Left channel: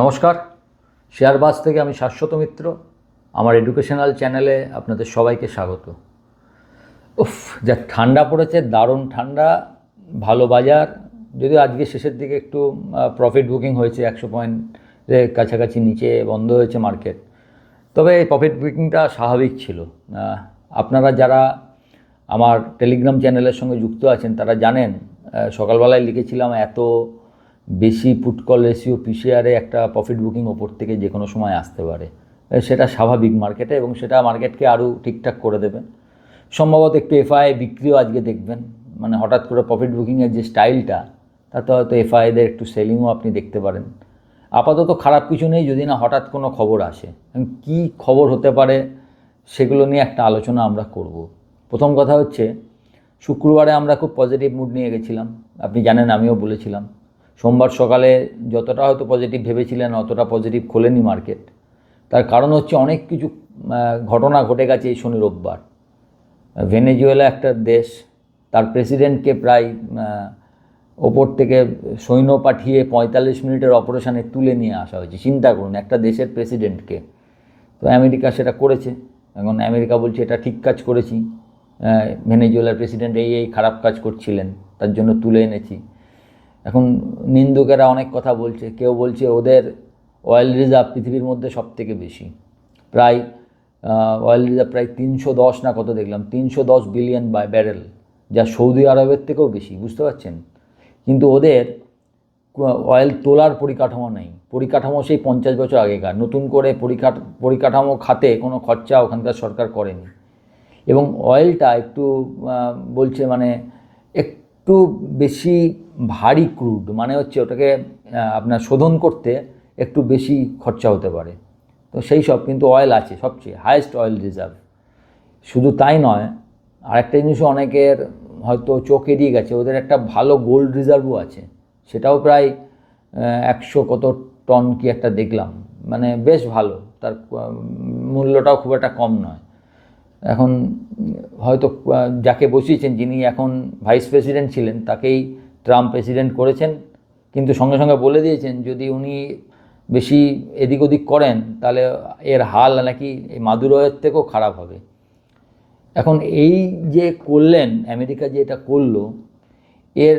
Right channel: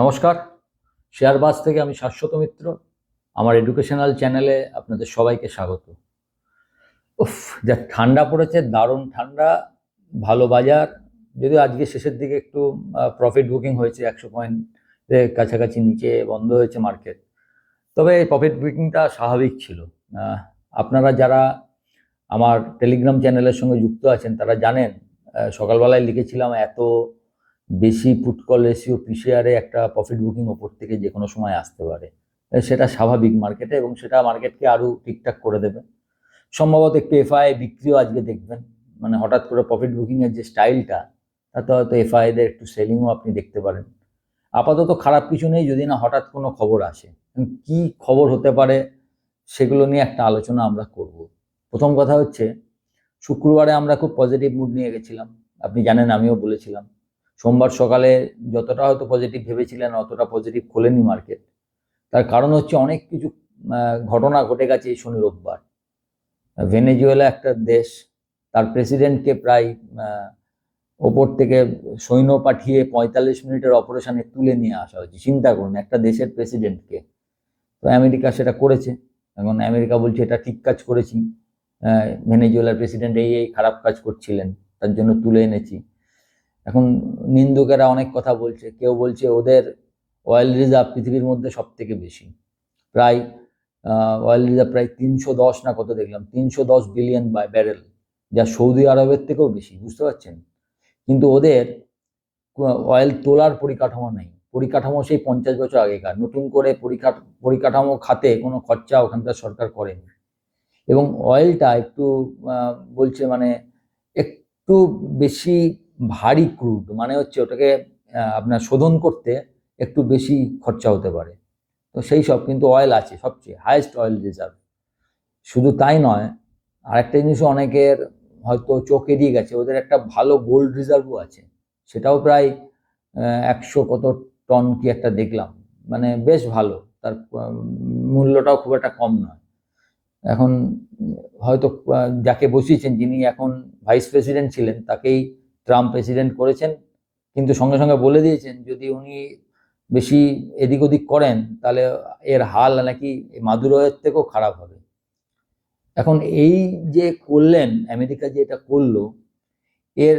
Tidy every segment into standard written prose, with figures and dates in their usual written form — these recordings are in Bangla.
নমস্কার, শেয়ারবাজ থেকে আমি শাশ্বত মিত্র। আমার এডুকেশনাল চ্যানেলে আপনাদের সবাইকে স্বাগত। উফ, যা ঠান্ডা পড়েছে, দারুণ ঠান্ডা, ভালো বাজার। যদিও আজকে শেষের দিকে একটু প্রফিট বুকিং হয়েছে, 100 পয়েন্টের কাছাকাছি নিচে বন্ধ হয়েছে মার্কেট। তবে এই প্রফিট বুকিংটা স্বাভাবিক ছিল। আপনারা যারা আমার টেলিগ্রাম চ্যানেলের সঙ্গে যুক্ত আছেন তারা জানেন, সকালবেলায় লিখেছিলাম এত বেশি পুট কল রেশিও পিসিআরে একটা প্রফিট বুকিং ওপর থেকে যে কোনো সময় আসতে পারে। সেটা স্বাভাবিক মার্কেটে, এবং সেটা মার্কেটকে আরও ঠিকঠাক করে দেবে। সম্ভবত একটু এফআই বিক্রিও আজকে দেখবেন, মানে হঠাৎ করে প্রফিট বুকিংয়ের যে স্টাইলটা, তাতে হয়তো এফআইদের একটু সেলিংও আপনি দেখতে পারেন। আপাতত খারাপ কিছু নেই, যদি না হঠাৎ কোনো খবর আসে। কি খবর হতে পারে সেগুলো নিয়ে একটা আলোচনা আমরা করব। প্রথম কথা হচ্ছে, শুক্রবারে আমরা খুব পজিটিভ মুড নিয়ে গেছিলাম, আপনি জানেন, আমিও বলেছিলাম। সোমবার সকালে যতটা হয়তো পজিটিভ ভেবেছিলেন অতটা পজিটিভ খোলেনি মার্কেট। তার কারণ হচ্ছে অনেক কিছু ঘটনা ঘটে গেছে এই শনি রোববার। ভেনেজুয়েলা একটা দেশ, তার প্রেসিডেন্টকে প্রায় ওপর থেকে সৈন্য পাঠিয়ে 45 মিনিটের অপারেশনে তুলে নিয়ে আসা হয়েছে। চিন্তা করুন, একটা দেশের প্রেসিডেন্টকে। তো আমেরিকা সেটা করেছে। এখন আমেরিকা বলছে এটা ঠিক কাজ করেছি, ভেনেজুয়েলার প্রেসিডেন্ট এই খারাপ কাজ করছিলেন, তার জন্য তুলে এনেছি। এখন নিন্দুকেরা অনেক কথা বলছে, কেউ বলছে ওদের অয়েল রিজার্ভ পৃথিবীর মধ্যে সব থেকে বেশি, প্রায় অয়েল রিজার্ভ প্রায় 310 না কত দেখলাম, 310 বিলিয়ন ব্যারেল, যা সৌদি আরবের থেকেও বেশি, বুঝতে পারছেন। কিন্তু ওদের অয়েল তোলার পরিকাঠামো নেই। পরিকাঠামো সেই 50 বছর আগেকার, নতুন করে পরিকাঠামো খাতে কোনো খরচা ওখানকার সরকার করেনি। এবং অয়েলটা একটু বলছে মানে একটু বেশি ভারী ক্রুড, মানে হচ্ছে ওটাকে আপনার শোধন করতে একটু বেশি খরচা হতে পারে। তো সেই সব, কিন্তু অয়েল আছে, সবচেয়ে হায়েস্ট অয়েল রিজার্ভ। শুধু তাই নয়, আরেকটা জিনিসও অনেকের হয়তো চোখ এড়িয়ে গেছে, ওদের একটা ভালো গোল্ড রিজার্ভও আছে। সেটাও প্রায় 100 কত টন কি একটা দেখলাম, মানে বেশ ভালো, তার মূল্যটাও খুব একটা কম নয়। এখন হয়তো যাকে বসিয়েছেন, যিনি এখন ভাইস প্রেসিডেন্ট ছিলেন, তাকেই ট্রাম্প প্রেসিডেন্ট করেছেন, কিন্তু সঙ্গে সঙ্গে বলে দিয়েছেন যদি উনি বেশি এদিক ওদিক করেন তাহলে এর হাল নাকি এই মাদুরোয়ের থেকেও খারাপ হবে। এখন এই যে করলেন, আমেরিকা যে এটা করলো, এর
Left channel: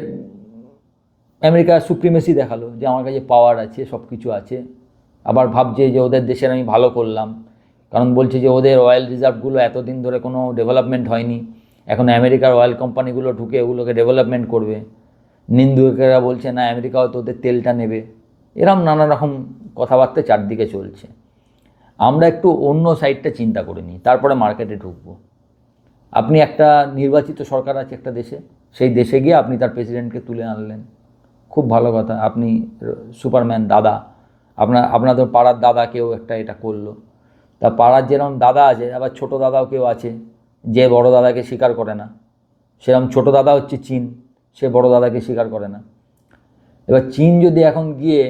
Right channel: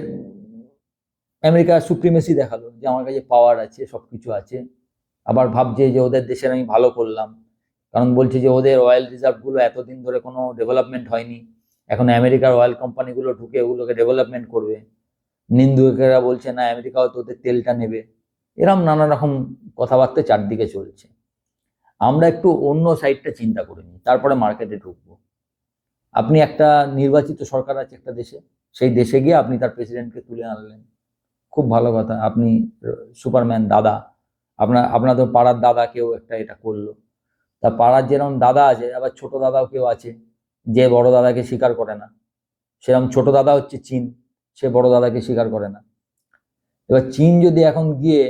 আমেরিকা সুপ্রিমেসি দেখালো যে আমার কাছে পাওয়ার আছে, সব কিছু আছে। আবার ভাবছে যে ওদের দেশের আমি ভালো করলাম, কারণ বলছে যে ওদের অয়েল রিজার্ভগুলো এতদিন ধরে কোনো ডেভেলপমেন্ট হয়নি, এখন আমেরিকার অয়েল কোম্পানিগুলো ঢুকে ওগুলোকে ডেভেলপমেন্ট করবে। নিন্দুকেরা বলছে না, আমেরিকা হয়তো ওদের তেলটা নেবে। এরম নানা রকম কথাবার্তা চারদিকে চলছে। আমরা একটু অন্য সাইডটা চিন্তা করে নিই, তারপরে মার্কেটে ঢুকবো। আপনি একটা নির্বাচিত সরকার আছে একটা দেশে, সেই দেশে গিয়ে আপনি তার প্রেসিডেন্টকে তুলে আনলেন, খুব ভালো কথা, আপনি সুপারম্যান দাদা। আপনাদের পাড়ার দাদা কেউ একটা এটা করলো। তা পাড়ার যেরকম দাদা আছে, আবার ছোট দাদাও কেউ আছে যে বড় দাদাকে স্বীকার করে না। সেরকম ছোট দাদা হচ্ছে চীন, সে বড় দাদাকে স্বীকার করে না। এবার চীন যদি এখন গিয়ে,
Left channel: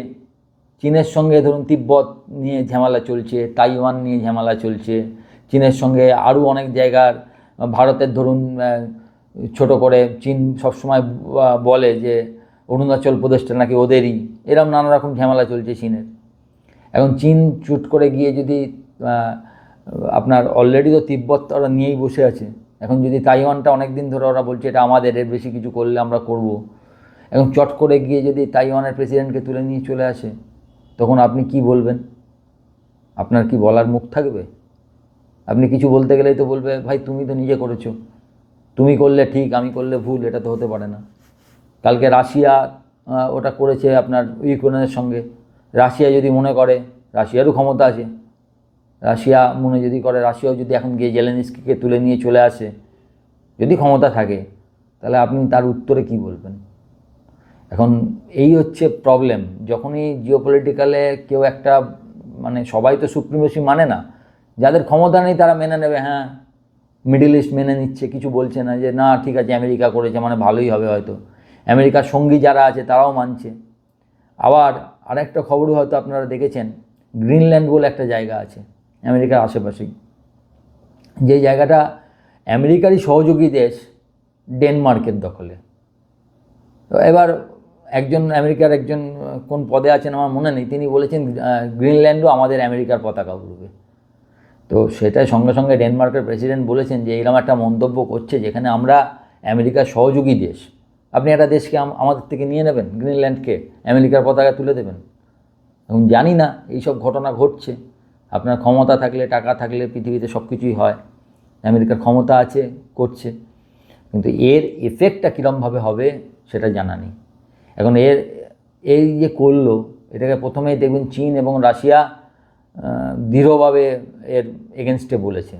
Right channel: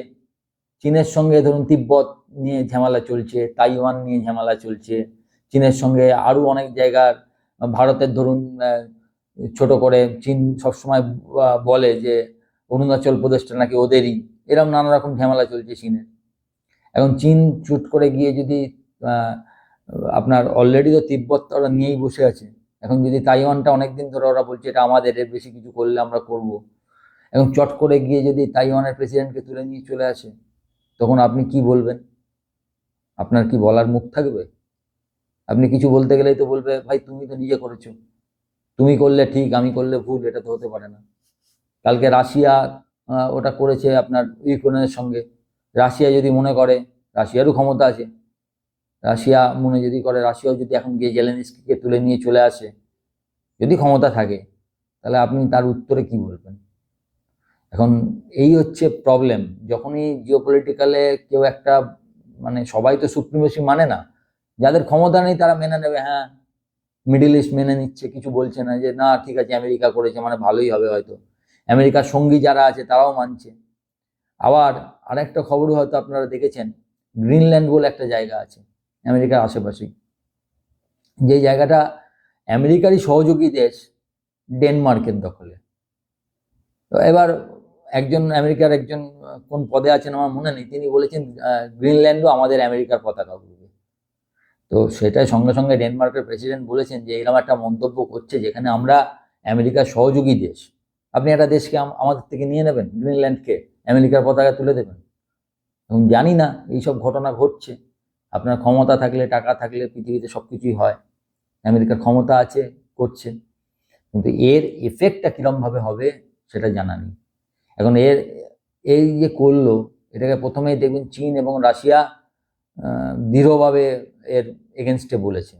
চীনের সঙ্গে ধরুন তিব্বত নিয়ে ঝামেলা চলছে, তাইওয়ান নিয়ে ঝামেলা চলছে, চীনের সঙ্গে আরও অনেক জায়গার, ভারতের ধরুন ছোট করে চীন সবসময় বলে যে অরুণাচল প্রদেশটা নাকি ওদেরই, এরকম নানা রকম ঝামেলা চলছে চীনের। এখন চীন চুট করে গিয়ে যদি আপনার অলরেডি তো তিব্বত ওরা নিয়েই বসে আছে, এখন যদি তাইওয়ানটা অনেক দিন ধরে ওরা বলছে এটা আমাদের, এর বেশি কিছু করলে আমরা করব, এখন চট করে গিয়ে যদি তাইওয়ানের প্রেসিডেন্টকে তুলে নিয়ে চলে আসে, তখন আপনি কি বলবেন? আপনার কি বলার মুখ থাকবে? আপনি কিছু বলতে গেলেই তো বলবে ভাই তুমি তো নিজে করেছো, তুমি করলে ঠিক, আমি করলে ভুল, এটা তো হতে পারে না। কালকে রাশিয়া ওটা করেছে আপনার ইউক্রেনের সঙ্গে। রাশিয়া যদি মনে করে, রাশিয়ারও ক্ষমতা আছে, রাশিয়া মনে যদি করে, রাশিয়াও যদি এখন গিয়ে জেলেনস্কিকে তুলে নিয়ে চলে আসে, যদি ক্ষমতা থাকে, তাহলে আপনি তার উত্তরে কি বলবেন? এখন এই হচ্ছে প্রবলেম। যখনই জিওপলিটিক্যালে কেউ একটা, মানে সবাই তো সুপ্রিমেসি মানে না, যাদের ক্ষমতা নেই তারা মেনে নেবে, হ্যাঁ মিডল ইস্ট মেনে নিচ্ছে, কিছু বলছে না যে না ঠিক আছে আমেরিকা করেছে মানে ভালোই হবে হয়তো। আমেরিকার সঙ্গী যারা আছে তারাও মানছে। আবার আরেকটা খবরও হয়তো আপনারা দেখেছেন, গ্রিনল্যান্ড বলে একটা জায়গা আছে আমেরিকার আশেপাশেই, যে জায়গাটা আমেরিকারই সহযোগী দেশ ডেনমার্কের দখলে। তো এবার একজন আমেরিকার একজন কোন পদে আছেন আমার মনে নেই, তিনি বলেছেন গ্রিনল্যান্ডও আমাদের আমেরিকার পতাকা উড়বে। তো সেটাই সঙ্গে সঙ্গে ডেনমার্কের প্রেসিডেন্ট বলেছেন যে এরকম একটা মন্তব্য করছে যেখানে আমরা আমেরিকার সহযোগী দেশ, আপনি একটা দেশকে আমাদের থেকে নিয়ে নেবেন, গ্রিনল্যান্ডকে আমেরিকার পতাকা তুলে দেবেন। এবং জানি না এইসব ঘটনা ঘটছে। আপনার ক্ষমতা থাকলে, টাকা থাকলে পৃথিবীতে সব কিছুই হয়। আমেরিকার ক্ষমতা আছে, করছে, কিন্তু এর এফেক্টটা কীরমভাবে হবে সেটা জানা নেই। এখন এই যে করলো, এটাকে প্রথমেই দেখবেন চীন এবং রাশিয়া দৃঢ়ভাবে এর এগেনস্টে বলেছে।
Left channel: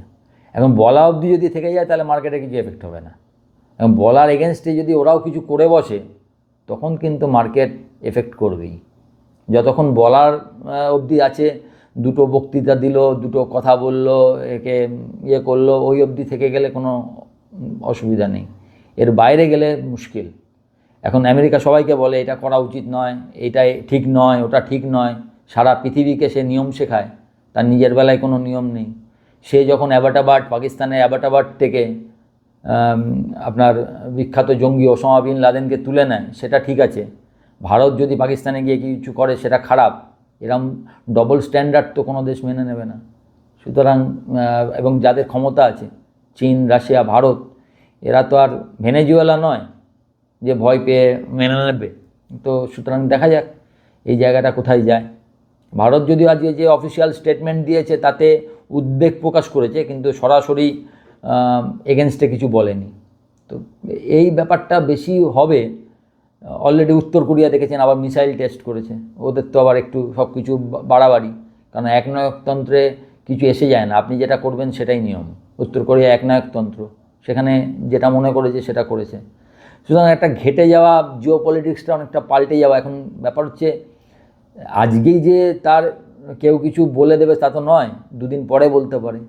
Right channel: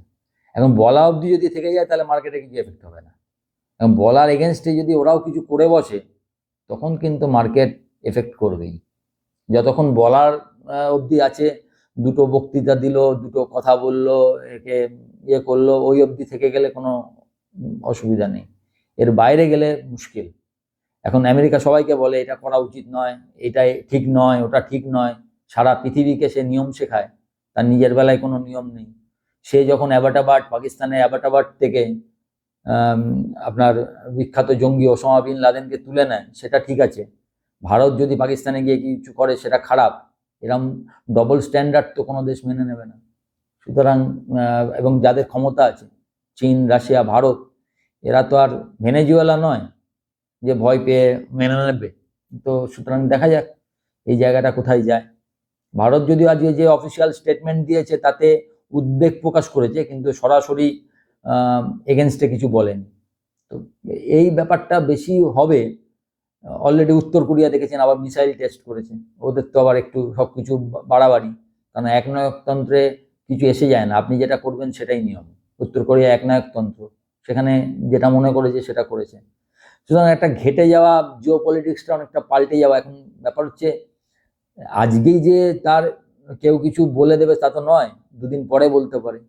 এখন বলা অবধি যদি থেকে যায় তাহলে মার্কেটে কিছু এফেক্ট হবে না। এবং বলার এগেনস্টে যদি ওরাও কিছু করে বসে তখন কিন্তু মার্কেট এফেক্ট করবেই। যতক্ষণ বলার অবধি আছে, দুটো বক্তৃতা দিল, দুটো কথা বলল, একে ইয়ে করলো, ওই অবধি থেকে গেলে কোনো অসুবিধা নেই। এর বাইরে গেলে মুশকিল। এখন আমেরিকা সবাইকে বলে এটা করা উচিত নয়, এটা ঠিক নয়, ওটা ঠিক নয়, সারা পৃথিবীকে সে নিয়ম শেখায়, তার নিজের বেলায় কোনো নিয়ম নেই। সে যখন অ্যাবাটাবাদ, পাকিস্তানের অ্যাবাটাবাদ থেকে আপনার বিখ্যাত জঙ্গি ওসামা বিন লাদেনকে তুলে নেয়, সেটা ঠিক আছে। ভারত যদি পাকিস্তানে গিয়ে কিছু করে সেটা খারাপ। এরম ডবল স্ট্যান্ডার্ড তো কোনো দেশ মেনে নেবে না। সুতরাং এবং যাদের ক্ষমতা আছে, চীন, রাশিয়া, ভারত, এরা তো আর ভেনেজুয়েলা নয় যে ভয় পেয়ে মেনে নেবে। তো সুতরাং দেখা যাক এই জায়গাটা কোথায় যায়। ভারত যদিও আজকে যে অফিসিয়াল স্টেটমেন্ট দিয়েছে তাতে উদ্বেগ প্রকাশ করেছে, কিন্তু সরাসরি এগেনস্টে কিছু বলেনি। তো এই ব্যাপারটা বেশি হবে। অলরেডি উত্তর কোরিয়া দেখেছেন আবার মিসাইল টেস্ট করেছে, ওদের তো আবার একটু সব কিছু বাড়াবাড়ি, কারণ একনায়কতন্ত্রে কিছু এসে যায় না, আপনি যেটা করবেন সেটাই নিয়ম। উত্তর কোরিয়া একনায়কতন্ত্র, সেখানে যেটা মনে করেছে সেটা করেছে। সুতরাং একটা ঘেটে যাওয়া জিও পলিটিক্সটা অনেকটা পাল্টে যাওয়া। এখন ব্যাপার হচ্ছে আজকেই যে তার কেউ কিছু বলে দেবে তা তো নয়, দুদিন পরে বলতে পারে।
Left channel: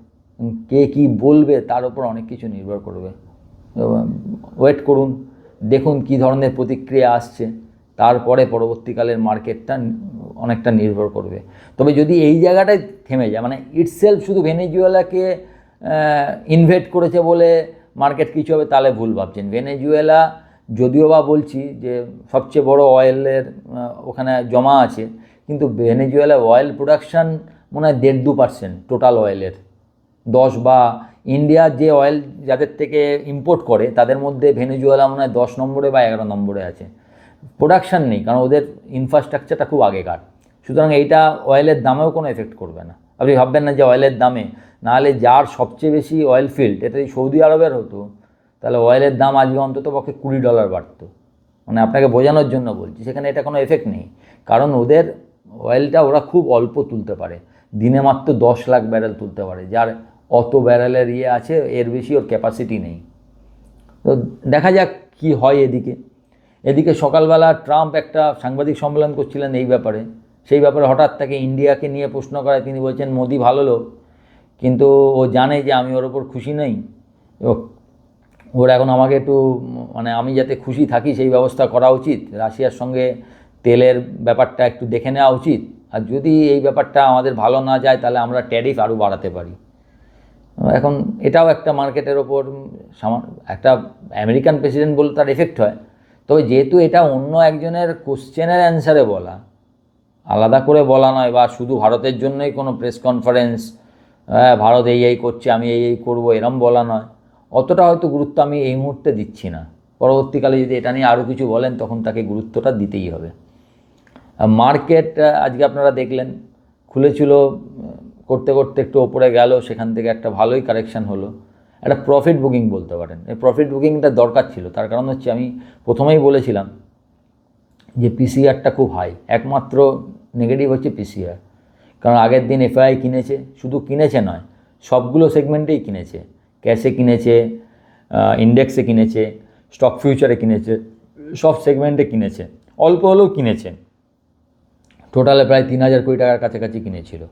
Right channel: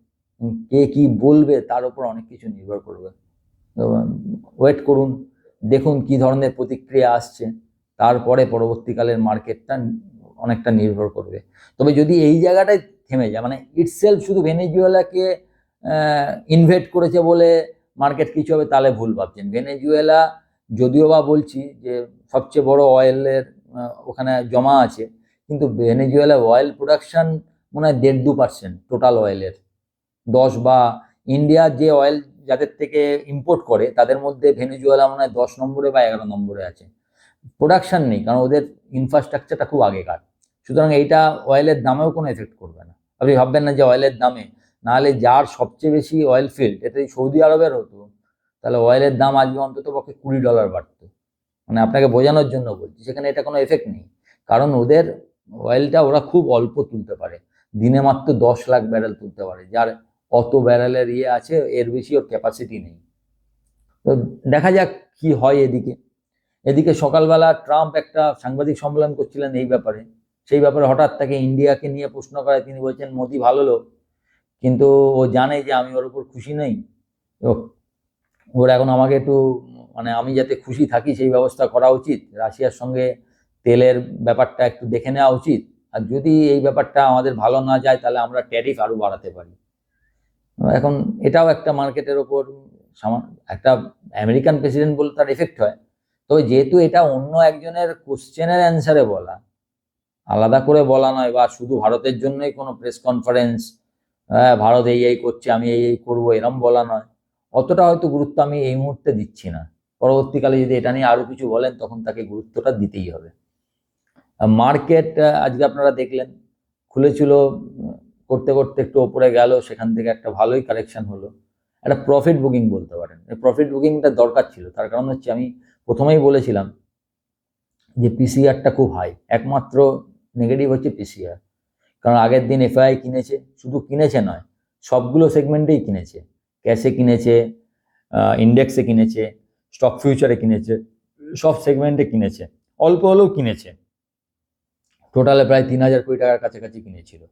কে কি বলবে তার উপর অনেক কিছু নির্ভর করবে। ওয়েট করুন, দেখুন কি ধরনের প্রতিক্রিয়া আসছে, তারপরে পরবর্তীকালের মার্কেটটা অনেকটা নির্ভর করবে। তবে যদি এই জায়গাটায় থেমে যায়, মানে ইটসেলফ শুধু ভেনেজুয়েলাকে ইনভেট করেছে বলে মার্কেট কিছু হবে, তাহলে ভুল ভাবছেন। ভেনেজুয়েলা যদিও বা বলছি যে সবচেয়ে বড় অয়েলের ওখানে জমা আছে, কিন্তু ভেনেজুয়েলা অয়েল প্রোডাকশান মনে হয় 1.5-2% টোটাল অয়েলের। 10 বা ইন্ডিয়া যে অয়েল যাদের থেকে ইম্পোর্ট করে তাদের মধ্যে ভেনেজুয়েলা মনে হয় 10 নম্বরে বা 11 নম্বরে আছে। প্রোডাকশান নেই, কারণ ওদের ইনফ্রাস্ট্রাকচারটা খুব আগেকার। সুতরাং এইটা অয়েলের দামেও কোনো এফেক্ট করবে না। আপনি ভাববেন না যে অয়েলের দামে, নাহলে যার সবচেয়ে বেশি অয়েল ফিল্ড এটা সৌদি আরবের হতো, তাহলে অয়েলের দাম আজকে অন্তত পক্ষে $20 বাড়তো। মানে আপনাকে বোঝানোর জন্য বলছি, সেখানে এটা কোনো এফেক্ট নেই, কারণ ওদের অয়েলটা ওরা খুব অল্প তুলতে পারে, দিনে মাত্র 10 লাখ ব্যারেল তুলতে পারে, যার অত ব্যারেলের ইয়ে আছে, এর বেশি ওর ক্যাপাসিটি নেই। তো দেখা যাক কি হয়। এদিকে সকালবেলা ট্রাম্প একটা সাংবাদিক সম্মেলন করছিলেন এই ব্যাপারে, সেই ব্যাপারে হঠাৎ তাকে ইন্ডিয়াকে নিয়ে প্রশ্ন করায় তিনি বলছেন মোদি ভালো লোক, কিন্তু ও জানে যে আমি ওর ওপর খুশি নই, এবং ওর এখন আমাকে একটু মানে আমি যাতে খুশি থাকি সেই ব্যবস্থা করা উচিত। রাশিয়ার সঙ্গে তেলের ব্যাপারটা একটু দেখে নেওয়া উচিত, আর যদি এই ব্যাপারটা আমাদের ভালো না যায় তাহলে আমরা ট্যারিফ আরও বাড়াতে পারি। এখন এটাও একটা মার্কেটের ওপর একটা আমেরিকান প্রেসিডেন্ট বলে তার এফেক্ট হয়। তবে যেহেতু এটা অন্য একজনের কোশ্চেনের অ্যান্সারে বলা, আলাদা করে বলা নয়, বা শুধু ভারতের জন্যই কোনো প্রেস কনফারেন্স, ভারত এই করছে আমি এই করবো এরম বলা নয়, অতটা হয়তো গুরুত্ব আমি এই মুহূর্তে দিচ্ছি না। পরবর্তীকালে যদি এটা নিয়ে আরও কিছু বলেন তখন তাকে গুরুত্বটা দিতেই হবে। মার্কেট আজকে আপনারা দেখলেন খুলেছিল, করতে করতে একটু ওপরে গেল, সেখান থেকে একটা ভালোই কারেকশান হলো, একটা প্রফিট বুকিং বলতে পারেন। এই প্রফিট বুকিংটা দরকার ছিল, তার কারণ হচ্ছে আমি প্রথমেই বলেছিলাম যে পিসিআরটা খুব হাই, একমাত্র নেগেটিভ হচ্ছে পিসিআর। কারণ আগের দিন এফআই কিনেছে, শুধু কিনেছে নয়, সবগুলো সেগমেন্টেই কিনেছে, ক্যাশে কিনেছে, ইন্ডেক্সে কিনেছে, স্টক ফিউচারে কিনেছে, সব সেগমেন্টে কিনেছে, অল্প হলেও কিনেছে। টোটালে প্রায় 3,000 কোটি টাকার কাছাকাছি কিনেছিল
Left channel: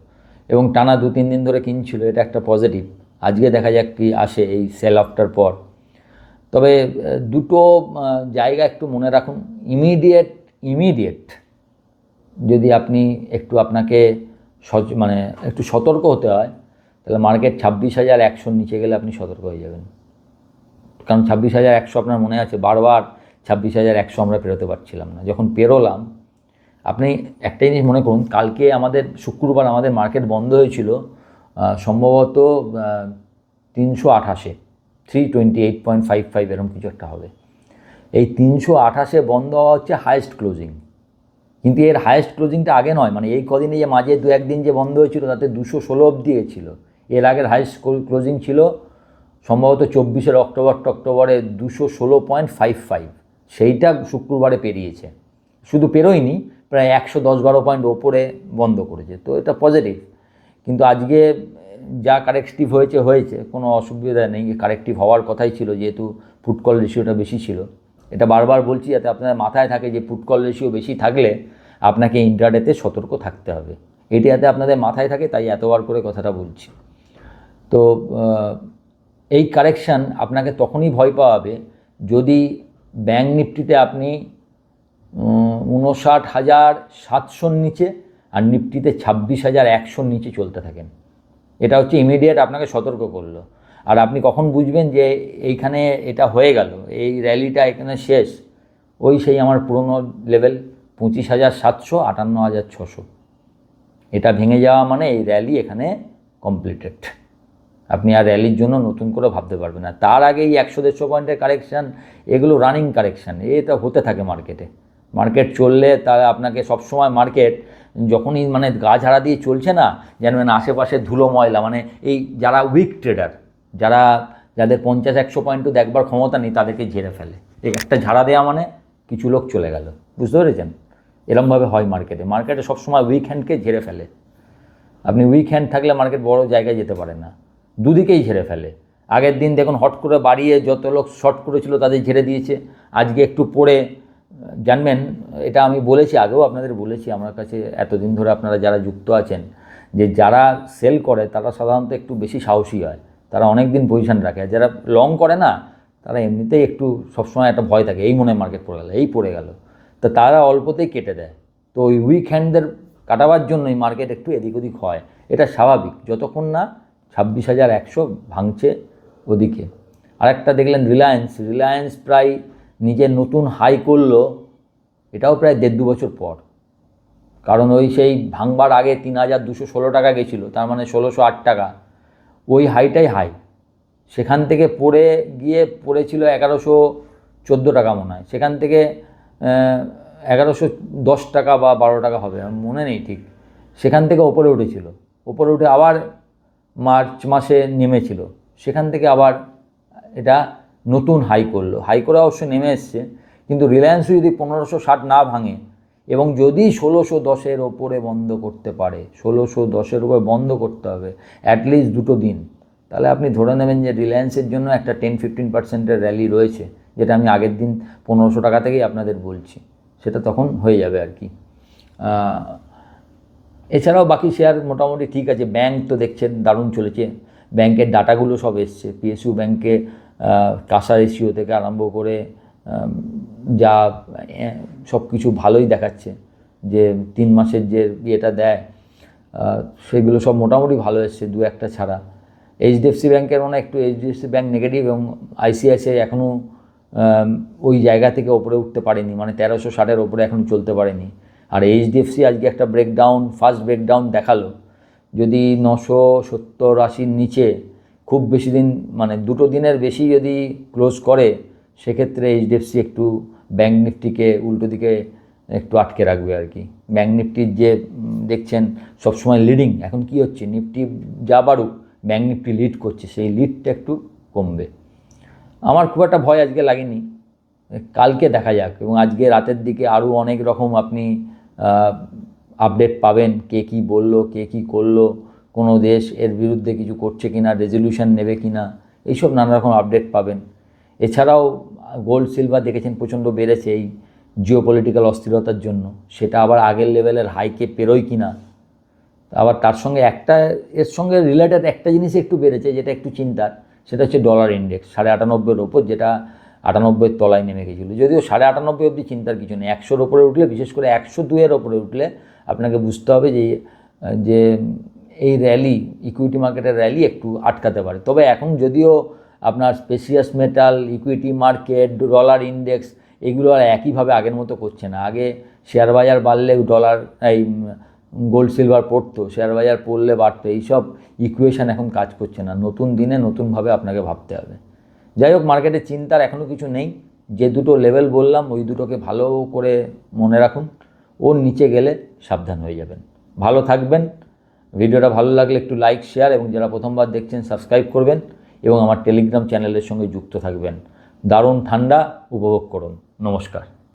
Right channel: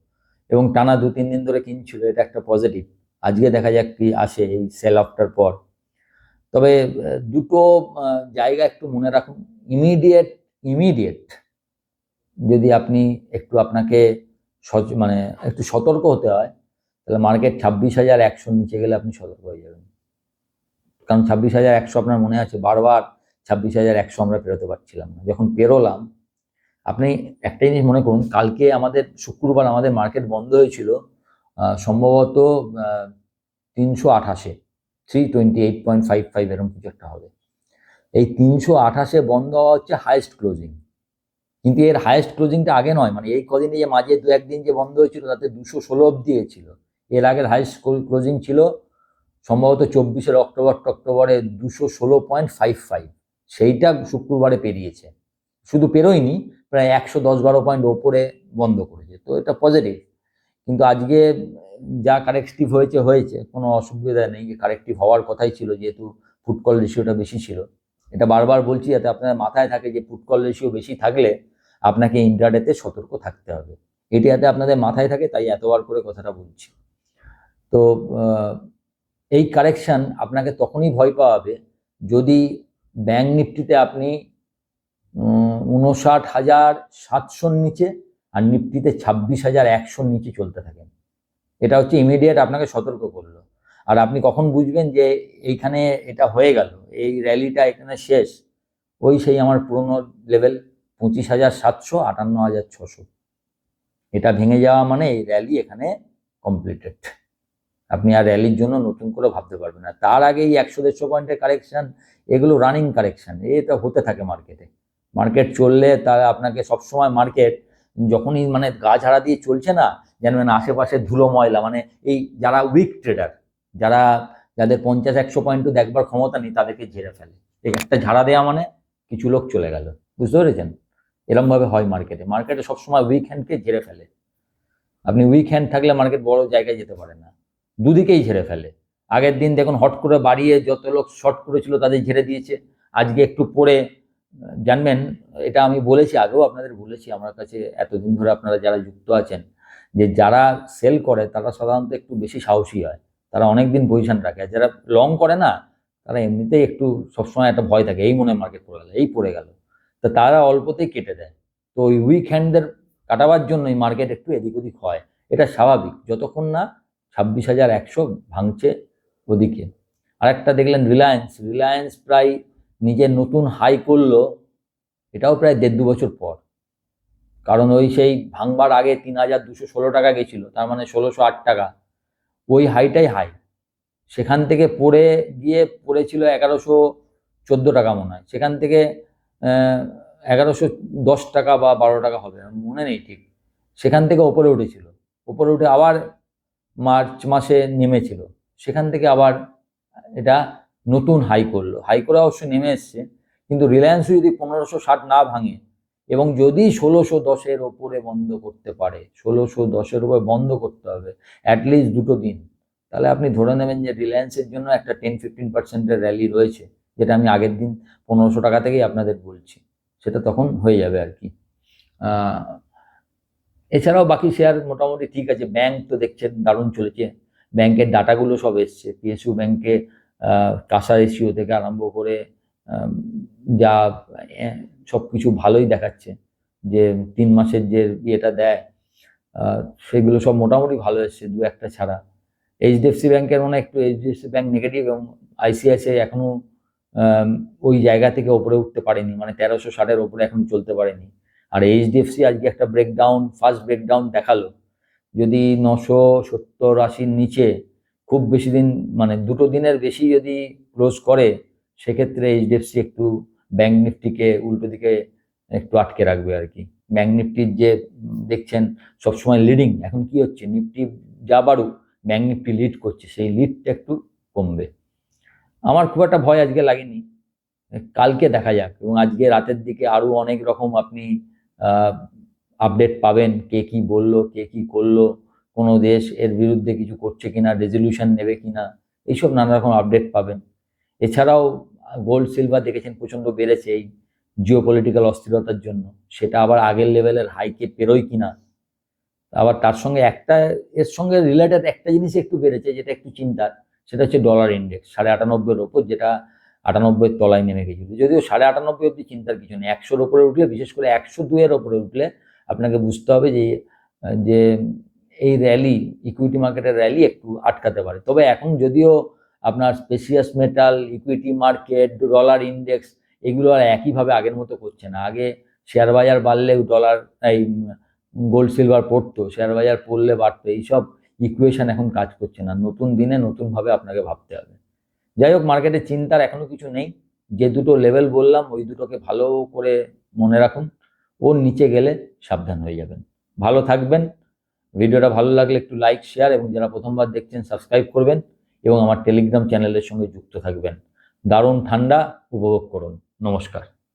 এবং টানা 2-3 দিন ধরে কিনছিল, এটা একটা পজিটিভ। আজকে দেখা যাক কি আসে এই সেল অফটার পর। তবে দুটো জায়গা একটু মনে রাখুন। ইমিডিয়েট যদি আপনি আপনাকে মানে একটু সতর্ক হতে হয়, তাহলে মার্কেট 26,100 নিচে গেলে আপনি সতর্ক হয়ে যাবেন। কারণ 26,100 আপনার মনে আছে বারবার 26,100 আমরা পেরোতে পারছিলাম না। যখন পেরোলাম, আপনি একটা জিনিস মনে করুন, কালকে আমাদের শুক্রবার আমাদের মার্কেট বন্ধ হয়েছিল সম্ভবত 328, 328.55 এরকম কিছু একটা হবে। এই 328 বন্ধ হওয়া হচ্ছে হায়েস্ট ক্লোজিং, কিন্তু এর হায়েস্ট ক্লোজিংটা আগে নয়, মানে এই কদিনে যে মাঝে 2-1 দিন যে বন্ধ হয়েছিল তাতে 216 অবধি ছিল। এর আগের হায়েস্ট ক্লোজিং ছিল সম্ভবত 24 অক্টোবরে 216.55, সেইটা শুক্রবারে পেরিয়েছে। শুধু পেরোয়নি, প্রায় 110-12 পয়েন্ট ওপরে বন্ধ করেছে, তো এটা পজিটিভ। কিন্তু আজকে যা কারেক্টিভ হয়েছে কোনো অসুবিধা নেই, কারেক্টিভ হওয়ার কথাই ছিল, যেহেতু পুট কল রেশিওটা বেশি ছিল। এটা বারবার বলছি যাতে আপনাদের মাথায় থাকে যে পুট কল রেশিও বেশি থাকলে আপনাকে ইন্ট্রাডেতে সতর্ক থাকতে হবে। এটি যাতে আপনাদের মাথায় থাকে, তাই এতবার করে কথাটা বলছি। তো এই কারেকশান আপনাকে তখনই ভয় পাওয়াবে যদি ব্যাঙ্ক নিফটিতে আপনি 59,700 নিচে আর নিফটিতে 26,100 নিচে চলতে থাকেন। এটা হচ্ছে ইমিডিয়েট আপনাকে সতর্ক করলো। আর আপনি কখন বুঝবেন যে এইখানে এটা হয়ে গেল, এই র্যালিটা এখানে শেষ, ওই সেই আমার পুরনো লেভেল 25,700, 58,600, এটা ভেঙে যাওয়া মানে এই র্যালি এখানে কমপ্লিটেড। আপনি আর র্যালির জন্য নতুন করে ভাবতে পারবেন না। তার আগে এই 100-150 পয়েন্টের কারেকশান, এগুলো রানিং কারেকশান, এটা হতে থাকে মার্কেটে। মার্কেট চললে তারা আপনাকে সবসময় মার্কেট যখনই মানে গা ঝাড়া দিয়ে চলছে না, জানবেন আশেপাশে ধুলো ময়লা, মানে এই যারা উইক ট্রেডার, যাদের 50-100 পয়েন্টও দেখবার ক্ষমতা নেই, তাদেরকে ঝেড়ে ফেলে। এই একটা ঝাড়া দেওয়া মানে কিছু লোক চলে গেল, বুঝতে পেরেছেন? এরকমভাবে হয় মার্কেটে সবসময় উইক হ্যান্ডকে ঝেড়ে ফেলে। আপনি উইক হ্যান্ড থাকলে মার্কেট বড় জায়গায় যেতে পারে না, দুদিকেই ঝেড়ে ফেলে। আগের দিন দেখুন হট করে বাড়িয়ে যত লোক শর্ট করেছিল তাদের ঝেড়ে দিয়েছে, আজকে একটু পড়ে জানবেন, এটা আমি বলেছি আগেও আপনাদের বলেছি, আমার কাছে এতদিন ধরে আপনারা যারা যুক্ত আছেন, যে যারা সেল করে তারা সাধারণত একটু বেশি সাহসী হয়, তারা অনেক দিন পজিশন রাখে। আর যারা লং করে না, তারা এমনিতেই একটু সবসময় একটা ভয় থাকে, এই মনে মার্কেট পড়ে গেল, এই পড়ে গেল, তো তারা অল্পতেই কেটে দেয়। তো ওই উইক হ্যান্ডদের কাটাবার জন্যই মার্কেট একটু এদিক ওদিক হয়, এটা স্বাভাবিক, যতক্ষণ না 26,100 ভাঙছে ওদিকে। আরেকটা দেখলেন রিলায়েন্স প্রায় নিজের নতুন হাই করলো, এটাও প্রায় 1.5-2 বছর পর। কারণ ওই সেই ভাঙবার আগে 3,216 টাকা গেছিলো, তার মানে 1,608 টাকা, ওই হাইটাই হাই। সেখান থেকে পড়েছিল 1,114 টাকা মনে হয়, সেখান থেকে 1,110 টাকা বা 12 টাকা হবে, আমার মনে নেই ঠিক। সেখান থেকে ওপরে উঠে আবার মার্চ মাসে নেমেছিল, সেখান থেকে আবার এটা নতুন হাই করে অবশ্য নেমে এসছে। কিন্তু রিলায়েন্সও যদি 1,560 না ভাঙে এবং যদি 1,610-এর ওপরে বন্ধ করতে পারে, 1,610-এর উপরে বন্ধ করতে হবে অ্যাটলিস্ট 2 দিন, তাহলে আপনি ধরে নেবেন যে রিলায়েন্সের জন্য একটা 10-15% র্যালি রয়েছে, যেটা আমি আগের দিন 1,500 টাকা থেকেই আপনাদের বলছি, সেটা তখন হয়ে যাবে আর কি। এছাড়াও বাকি শেয়ার মোটামুটি ঠিক আছে। ব্যাংক তো দেখছেন দারুণ চলেছে, ব্যাংকের ডাটাগুলো সব এসছে, পিএসইউ ব্যাংকে কাঁসা রেশিও থেকে আরম্ভ করে যা সব কিছু ভালোই দেখাচ্ছে, যে 3 মাসের যে ইয়েটা দেয় সেগুলো সব মোটামুটি ভালো এসছে, 2-1টা ছাড়া। এইচডিএফসি ব্যাংকের মনে একটু এইচডিএফসি ব্যাংক নেগেটিভ, এবং আইসিআইসিআই এখনও ওই জায়গা থেকে ওপরে উঠতে পারেনি, মানে 1,360-এর ওপরে এখনও চলতে পারেনি। আর এইচডিএফসি আজকে একটা ফার্স্ট ব্রেকডাউন দেখালো। যদি 970-80-র নিচে খুব বেশি দিন, মানে 2 দিনের বেশি যদি ক্লোজ করে, সেক্ষেত্রে এইচডিএফসি একটু ব্যাঙ্ক নিফটিকে উল্টো দিকে একটু আটকে রাখবে আর কি। ব্যাঙ্ক নিফটির যে দেখছেন সবসময় লিডিং, এখন কি হচ্ছে, নিফটি যা বাড়ুক ব্যাঙ্ক নিফটি লিড করছে, সেই লিডটা একটু কমবে। আমার খুব একটা ভয় আজকে লাগেনি, কালকে দেখা যাক। এবং আজকে রাতের দিকে আরও অনেক রকম আপনি আপডেট পাবেন, কে কী বললো, কে কী করলো, কোনো দেশ এর বিরুদ্ধে কিছু করছে কিনা, রেজলিউশন নেবে কিনা, এইসব নানা রকম আপডেট পাবেন। এছাড়াও গোল্ড সিলভার দেখেছেন প্রচণ্ড বেড়েছে এই জিওপলিটিক্যাল অস্থিরতার জন্য, সেটা আবার আগের লেভেলের হাইকে পেরোয় কিনা। আবার তার সঙ্গে এর সঙ্গে রিলেটেড একটা জিনিস একটু বেড়েছে, যেটা একটু চিন্তার, সেটা হচ্ছে ডলার ইন্ডেক্স 98-এর ওপর, যেটা 98-এর তলায় নেমে গেছিলো। যদিও 98 অবধি চিন্তার কিছু নেই, 100-র ওপরে উঠলে, বিশেষ করে 102-এর ওপরে উঠলে আপনাকে বুঝতে হবে যে এই র্যালি, ইকুইটি মার্কেটের র্যালি একটু আটকাতে পারে। তবে এখন যদিও আপনার precious metal, equity market, dollar index এগুলো আর একইভাবে আগের মতো করছে না। আগে শেয়ার বাজার বাড়লে ডলার এই গোল্ড সিলভার পড়তো, শেয়ার বাজার পড়লে বাড়তো, এইসব ইকুয়েশান এখন কাজ করছে না। নতুন দিনে নতুনভাবে আপনাকে ভাবতে হবে। যাই হোক, মার্কেটে চিন্তার এখনও কিছু নেই। যে দুটো লেভেল বললাম ওই দুটোকে ভালো করে মনে রাখুন, ওর নিচে গেলে সাবধান হয়ে যাবেন। ভালো থাকবেন। ভিডিওটা ভালো লাগলে একটু লাইক, শেয়ার এবং যারা প্রথমবার দেখছেন সাবস্ক্রাইব করবেন এবং আমার টেলিগ্রাম চ্যানেলের সঙ্গে যুক্ত থাকবেন। দারুণ ঠান্ডা উপভোগ করুন। নমস্কার।